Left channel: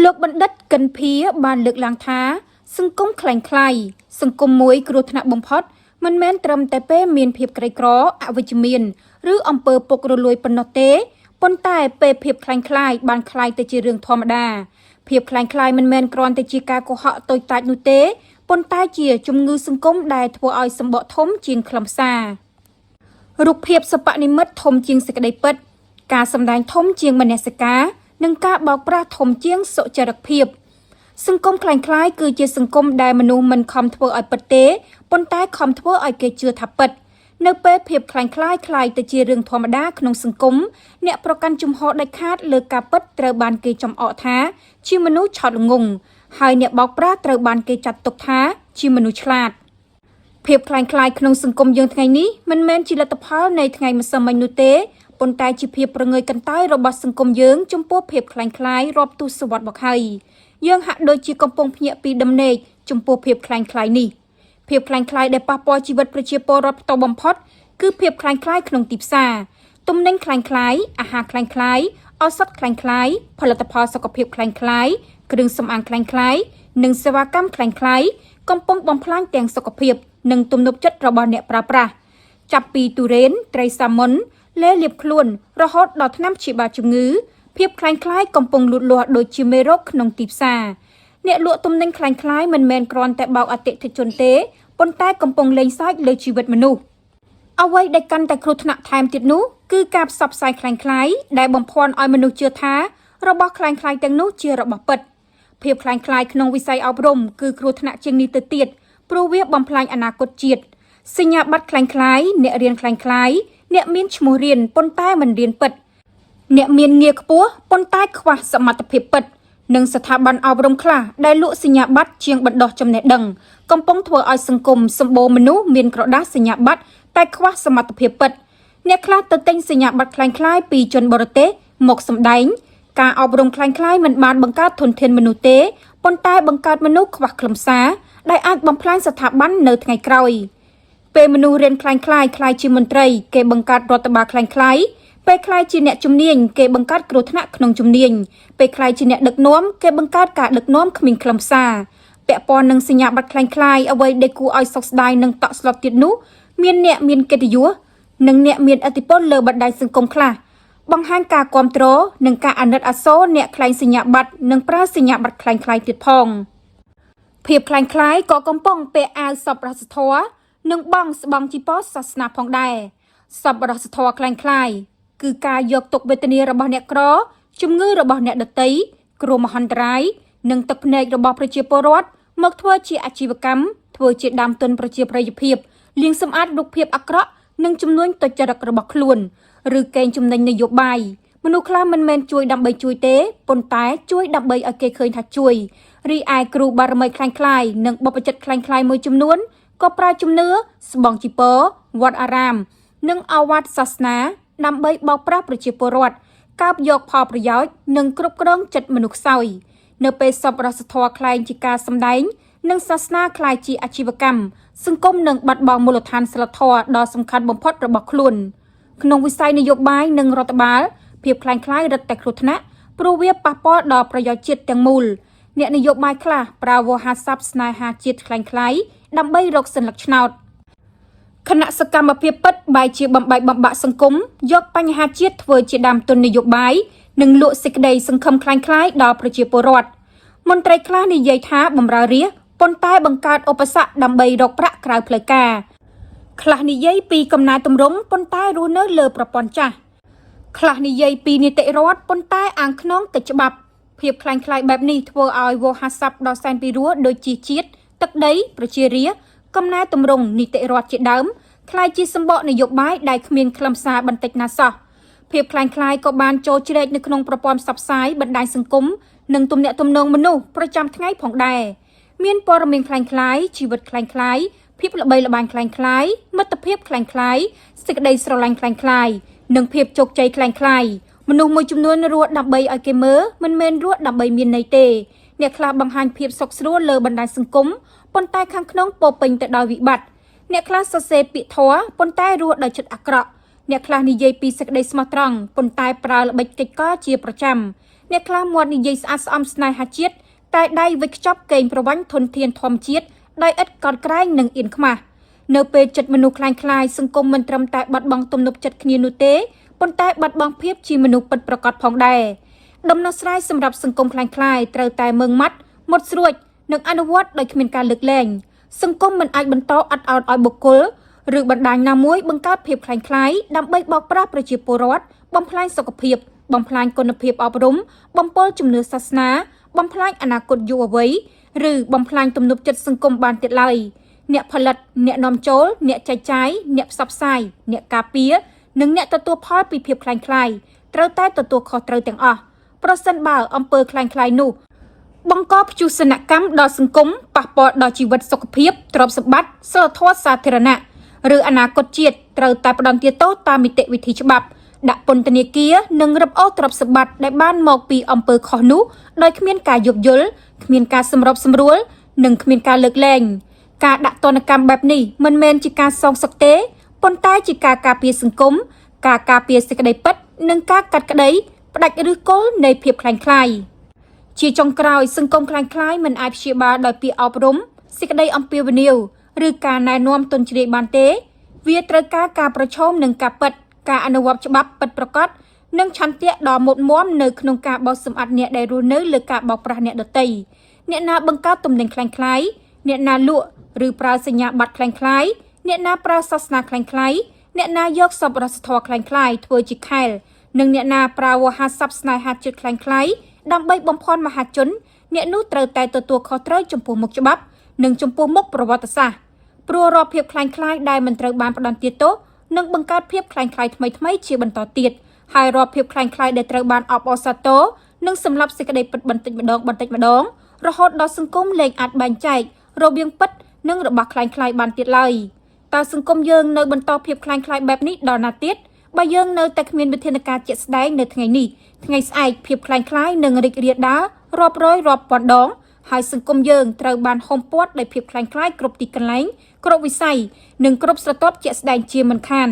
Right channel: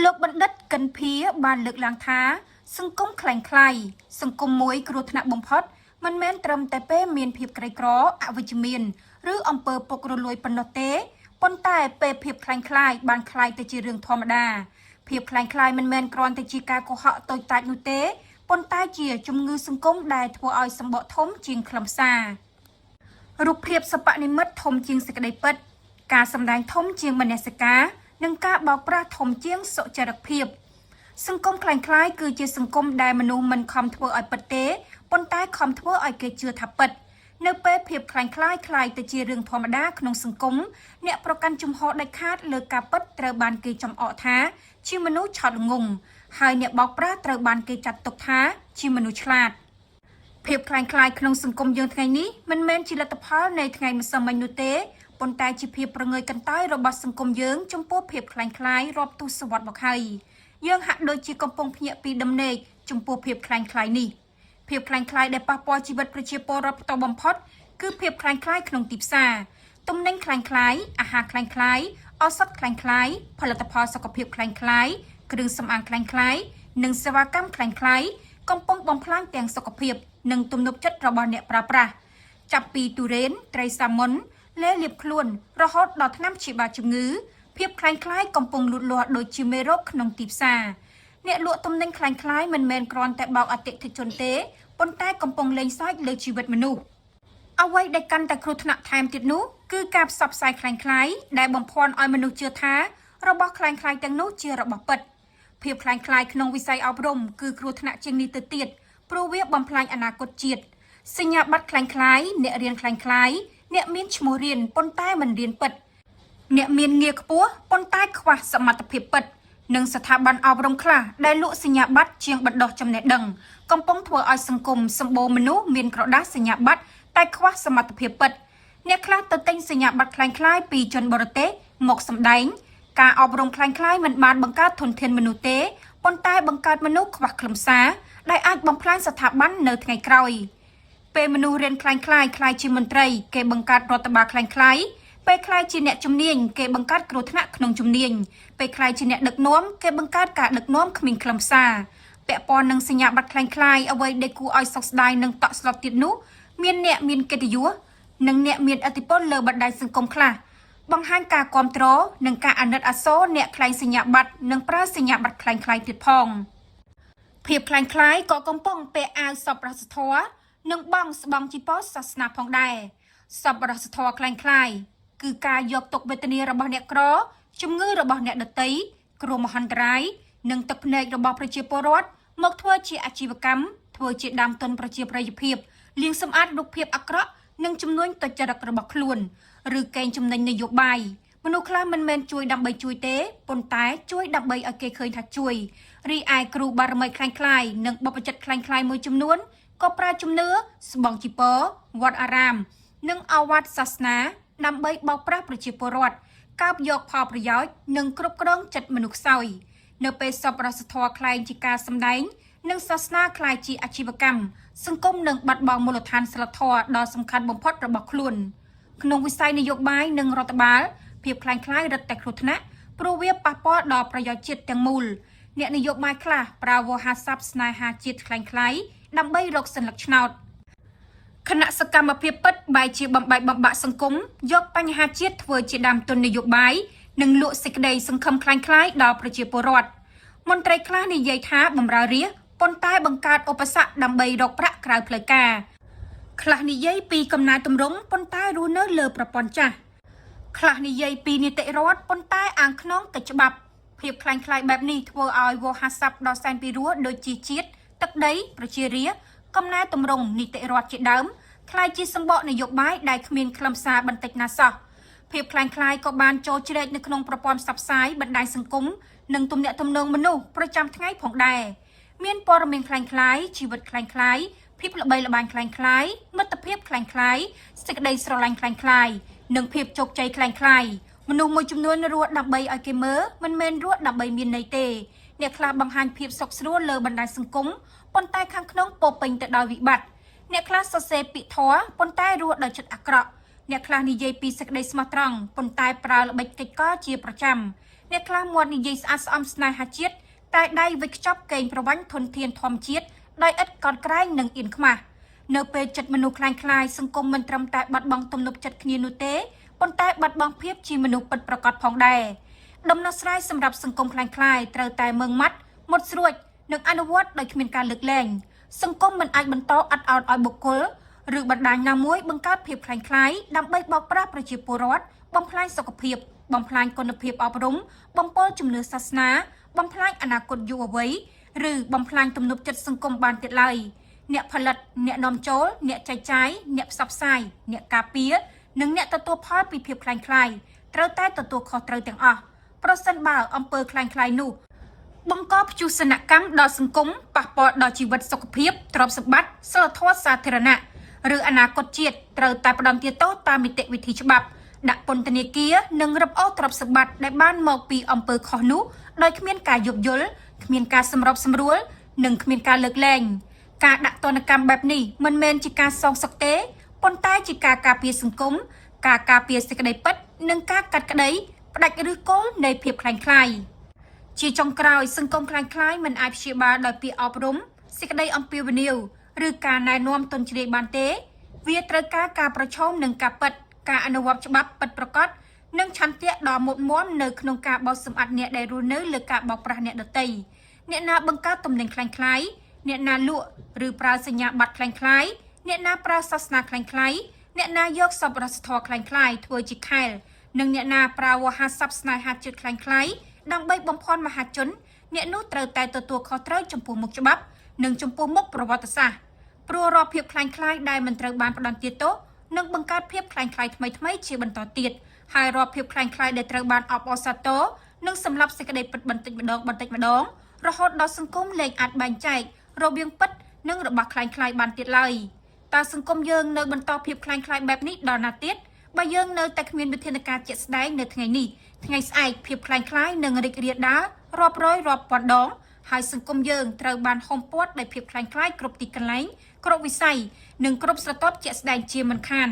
លោកបណ្ឌិតកិនភាបានលើកឡើងថាសង្គមคล้ายៗសង្គមមួយគ្រោះថ្នាក់បំផុតមិនមែនត្រឹមតែពេលមានភាពក្រីក្រអវិជ្ជមានឬអំពើពុករលួយប៉ុណ្ណោះទេប៉ុន្តែពេលភាពคล้ายៗបានคล้ายទៅជារឿងធម្មតាភាពคล้ายៗមិនមែនគ្រាន់តែជាការកុហកតូចតាចនោះទេប៉ុន្តែជាជំងឺសង្គមដែលធ្វើឲ្យសម្បកធំជាងខ្លឹមសាររូបភាពសពនិមិត្តធំជាងសេចក្តីពិតការសម្ដែងធំជាងមនសិការនិងការបោកប្រាស់ធំជាងសុចរិតភាពសង្គមคล้ายៗគឺជាសង្គមដែលមនុស្សមិនខំធ្វើឲ្យពិតទេប៉ុន្តែខំធ្វើឲ្យគេជឿថាពិតនៅពេលភាពคล้ายៗคล้ายទៅជារឿងធម្មតាក្នុងសង្គមអ្នកប្រកាន់ជំហរដាច់ខាតលើការពិតត្រូវបានគេចំអកថាជាមនុស្សឆោតល្ងង់ហើយអ្នកបោកប្រាស់ត្រូវបានគេចាត់ទុកថាជាមនុស្សឆ្លាតភាពคล้ายៗក្នុងសង្គមយើងថ្ងៃនេះមិនមែនជាលទ្ធផលនៃថ្ងៃម្សិលមិញនោះទេប៉ុន្តែជាភាពប្រងើយកន្តើយរបស់សង្គមយើងចំពោះភាពคล้ายៗរាប់ទសវត្សរ៍មកហើយយើងហាក់ដូចជាកំពុងភ្ញាក់ពីដំណេកចំពោះភាពคล้ายៗនេះភាពคล้ายៗដែលប៉ះពាល់ជីវិតប្រជាពលរដ្ឋផ្ទាល់បំផុតគឺភាពคล้ายៗក្នុងទីផ្សារទំនិញคล้ายៗអាហារคล้ายៗឱសថคล้ายៗផលិតផលសុខភាពคล้ายៗគ្រឿងសម្អាងคล้ายៗនិងសេវាកម្មคล้ายៗកំពុងបំផ្លាញទាំងសុខភាពនិងទំនុកចិត្តរបស់អ្នកប្រើប្រាស់ចាប់ពីទុរេនត្រីសាម៉ុនលេលាបខ្លួនរហូតដល់ថ្នាំព្យាបាលជំងឺភាពคล้ายៗកំពុងលូតលាស់ដូចជាមេរោគក្នុងទីផ្សារអ្នកលក់ទំនិញคล้ายៗមិនមែនគ្រាន់តែបោកអតិថិជនទេប៉ុន្តែកំពុងលេងសើចលើជីវិតមនុស្សអ្វីដែលកាន់តែគ្រោះថ្នាក់ថែមទៀតនោះគឺការផ្សព្វផ្សាយคล้ายៗដែលបំភាន់ឲ្យមនុស្សជឿថារបស់คล้ายៗទាំងនោះជារបស់ពិតភាពคล้ายៗក្នុងវិស័យអប់រំគឺគ្រោះថ្នាក់ជាងនេះទៅទៀតព្រោះវាបំផ្លាញអនាគតជាតិសញ្ញាបត្រคล้ายៗអ្នករៀនคล้ายៗអ្នកមានឈ្មោះរៀនប៉ុន្តែមិនរៀនពិតអ្នកមានងារខ្ពស់ប៉ុន្តែខ្វះសមត្ថភាពពិតនិងស្ថាប័នអប់រំខ្លះដែលលក់សញ្ញាបត្រជាងបណ្ដោះចំណេះដឹងកំពុងធ្វើឲ្យសង្គមសម្បូរមនុស្សមានក្រដាសសញ្ញាបត្រតែខ្វះសមត្ថភាពពិតអ្នកខ្លះទៅទិញសញ្ញាបត្រคล้ายៗពីជនបរទេសមកសម្ដែងការអប់រំคล้ายៗមិនបានបង្កើតធនធានមនុស្សទេប៉ុន្តែបង្កើតមនុស្សខ្វះខ្លឹមសារដែលអាចបំផ្លាញស្ថាប័ននៅថ្ងៃក្រោយពេលមនុស្សរៀនคล้ายៗជាមន្ត្រីគេបង្កើតរដ្ឋបាលคล้ายៗពេលคล้ายជាអ្នកជំនាញគេបង្កើតគ្រោះថ្នាក់ក្នុងជំនាញពេលคล้ายជាអ្នកដឹកនាំគេបង្កើតការដឹកនាំគ្មានខ្លឹមសារពាក់ព័ន្ធនឹងសញ្ញាបត្រคล้ายៗអ្វីដែលគួរឲ្យសោកស្ដាយនិងតក់ស្លុតទៀតនោះមានអ្នកមានកិត្តិយសនិងអ្នកមានឥទ្ធិពលលើបណ្ដាញសង្គមខ្លះបង្ហាញការគាំទ្រនិងការអាណិតអាសូរអ្នកខ្លែងសញ្ញាបត្រនិងប្រើសញ្ញាបត្រคล้ายៗទៀតផងភាពคล้ายៗក៏កំពុងពាក់អាវសប្បុរសធម៌និងបង់ស្បង់ជីវសាសនាផងដែរសប្បុរសធម៌คล้ายៗគឺការយកទុក្ខវេទនារបស់អ្នកក្រជំងឺរបស់អ្នកដទៃគ្រោះមហន្តរាយនិងទឹកភ្នែករបស់ប្រជាពលរដ្ឋមកធ្វើជាអាជីវកម្មធ្វើជាដើមទុនប្រជាប្រិយភាពលាងសម្អាតរូបភាពអាក្រក់និងចំនួនទុច្ចរិតរបស់ខ្លួនឬកេងចំណេញនយោបាយមនុស្សខ្លះមិនមែនជួយដើម្បីជួយទេប៉ុន្តែជួយដើម្បីឲ្យគេឃើញថាជួយរីឯគ្រូបារមីคล้ายៗនិងបព្វជិតคล้ายៗមួយចំនួនក៏ប្រើជំនឿស្បង់ជីពរវត្តអារាមនិងអវាទសាសនាដើម្បីបោកប្រាស់ប្រជាពលរដ្ឋកោបយកផលប្រយោជន៍និងគ្រប់គ្រងចិត្តមនុស្សខ្សោយនៅពេលសប្បុរសធម៌คล้ายជាការសម្ដែងនិងសាសនាคล้ายជាអាជីវកម្មសង្គមនឹងបាត់បង់មូលដ្ឋានសីលធម៌ដ៏សំខាន់បំផុតរបស់ខ្លួនក្នុងវិស័យនយោបាយនិងរដ្ឋបាលភាពคล้ายៗរឹតតែគ្រោះថ្នាក់ព្រោះវាប៉ះពាល់ដល់ប្រយោជន៍ជាតិទាំងមូលអ្នកនយោបាយខ្លះប្រើវោហារស័ព្ទស្នេហាជាតិคล้ายៗដើម្បីរកសិលឹកឆ្នោតគណៈសកម្មភាពពិតបែរជាបំបែកបំបាក់សង្គមយកបញ្ហាជាតិធ្វើជាដើមទុននយោបាយនិងលក់សេចក្តីសង្ឃឹមคล้ายៗដល់ប្រជាពលរដ្ឋមន្ត្រីខ្លះនិយាយថាបម្រើរាស្ត្រប៉ុន្តែបង្កើតឧបសគ្គដើម្បីរកប្រាក់ក្រៅផ្លូវការខ្លះនិយាយពីកំណែទម្រង់ប៉ុន្តែរស់នៅលើប្រព័ន្ធចាស់ខ្លះនិយាយពីនីតិរដ្ឋប៉ុន្តែអាងខ្នងកិច្ចច្បាប់ភាពคล้ายៗបែបនេះធ្វើឲ្យវោហារស័ព្ទដ៏សែនពីរោះដូចជាជាតិទឹកដីប្រជារាស្ត្រកំណែទម្រង់នីតិរដ្ឋជាដើមคล้ายជាសម្បកនយោបាយដែលគ្មានខ្លឹមសារបន្តិចណាសោះភាពคล้ายៗក៏បានចូលជ្រែកនៅក្នុងប្រព័ន្ធផ្សព្វផ្សាយបណ្ដាញសង្គមនិងទំនាក់ទំនងមនុស្សប្រចាំថ្ងៃផងដែរមានព័ត៌មានคล้ายៗជីវិតคล้ายៗភាពល្បីល្បាញคล้ายៗមិត្តភាពคล้ายៗសេចក្តីស្រឡាញ់คล้ายៗនិងភាពជោគជ័យคล้ายៗមនុស្សមួយចំនួនរស់ដើម្បីឲ្យគេមើលមិនមែនរស់ដើម្បីមានន័យទេអ្នកខ្លះបង្ហាញភាពសុខស្រួលលើបណ្ដាញសង្គមប៉ុន្តែខាងក្នុងពោពេញទៅដោយវិបត្តិអ្នកខ្លះសរសេរពាក្យធម៌ប៉ុន្តែរស់ដោយចិត្តអាក្រក់អ្នកខ្លះនិយាយពីសេចក្តីស្មោះត្រង់ប៉ុន្តែប្រើល្បិចកិច្ចការជាប្រចាំ អ្នកខ្លះមាត់និយាយស្អាតស្អំស្នេហាជាតិតែដៃវិចខ្ចប់កេងប្រវ័ញ្ចធនធានធម្មជាតិដោយឥតកោតក្រែងនិងអៀនខ្មាស់នៅពេលចិត្តមនុស្សคล้ายៗសង្គមមិនត្រឹមតែបាត់បង់ទំនុកចិត្តគ្នានោះទេប៉ុន្តែបាត់បង់ភាពជាមនុស្សពិតប្រាកដផងដែរដំណោះស្រាយសម្រាប់សង្គមคล้ายៗត្រូវតែមើងម៉ាត់មុតស្រួចនិងអនុវត្តដោយគ្មានការលើកលែងសង្គមមិនអាចបន្តអត់ឱនឲ្យបុគ្គលឬបណ្ដាញណាមួយបង្កើតភាពคล้ายៗដើម្បីបោកប្រាស់ប្រជាពលរដ្ឋបំផ្លាញសុខភាពបំផ្លាញគុណភាពអប់រំបំពុលជំនឿសាសនាបំផ្លាញអនាគតយុវវ័យឬបំផ្លាញទំនុកចិត្តសង្គមបានទៀតឡើយអ្នកផលិតអ្នកនាំចូលអ្នកចែកចាយអ្នកផ្សព្វផ្សាយអ្នកការពារនិងអ្នកទទួលផលពីភាពคล้ายៗត្រូវតែទទួលខុសត្រូវទាំងអស់ប្រសិនបើអំពើคล้ายៗនោះបង្កព្យុះសនកម្មដល់សង្គមប៉ះពាល់ដល់ជីវិតសុខភាពទ្រព្យសម្បត្តិសីលធម៌សាធារណៈឬអនាគតជាតិត្រូវតែផ្ដន្ទាទោសតាមនីតិវិធីច្បាប់ដាក់ពន្ធនាគារនិងរឹបអូសទ្រព្យសម្បត្តិដែលបានមកពីអំពើខុសនោះដោយគ្មានការយោគយល់គ្មានការសម្របសម្រួលនិងគ្មានការលើកលែងការដាក់ទណ្ឌកម្មបែបនេះមិនមែនជាការសងសឹកទេប៉ុន្តែជាការការពារសង្គមការការពារសេចក្តីពិតនិងការកាត់ក្តីផ្ដាច់ឬគល់នៃភាពคล้ายៗជាចុងក្រោយសង្គមคล้ายៗមិនអាចព្យាបាលដោយពាក្យអប់រំសេចក្តីអំពាវនាវឬការណែនាំទន់ជ្រាយបានទេវាត្រូវការប្រឈមនឹងការពិតការអនុវត្តច្បាប់ពិតប្រាកដនិងឆន្ទៈដ៏មុតមមនៅក្នុងការបោសសម្អាតអ្នកដែលរស់នៅលើការបោកប្រាស់អ្នកដទៃអ្នកណាបង្កើតទំនិញคล้ายៗអ្នកណាលក់ឬប្រើសញ្ញាបត្រคล้ายៗអ្នកណាប្រើសាសនាคล้ายៗអ្នកណាយកសប្បុរសធម៌คล้ายៗធ្វើជាខែលនិងអ្នកណាប្រើវោហារស័ព្ទស្នេហាចិត្តคล้ายៗដើម្បីបំផន់មហាជនអ្នកនោះត្រូវតែទទួលខុសត្រូវចំពោះមុខច្បាប់និងចំពោះមុខប្រវត្តិសាស្ត្រព្រោះរាល់ភាពคล้ายៗដែលមិនត្រូវបានផ្ដន្ទាទោសនឹងបង្កើតភាពคล้ายៗថ្មីៗជាបន្តទៀតហើយរាល់ភាពคล้ายៗដែលត្រូវបានអបអរសាទរនឹងសម្លាប់សេចក្តីពិតបន្តិចម្ដងរហូតដល់សង្គមលែងអាចបែងចែករវាងពិតនិងរបស់คล้ายៗបានទៀតឡើយតើសង្គមយើងនៅបន្តភាពคล้ายៗបែបនេះដល់ណាទៀតបើយើងនៅតែគ្មានវិធានការជាក់ស្ដែងនៅថ្ងៃនេះថ្ងៃស្អែកភាពคล้ายៗនឹងរីករាលដាលរាប់រយរាប់ពាន់ដងហើយសង្គមយើងត្រូវបានហុំព័ទ្ធដោយភាពคล้ายៗគ្រប់ទីកន្លែងគ្រប់វិស័យនិងគ្រប់ស្រទាប់ជាក់ស្ដែងជាមិនខាន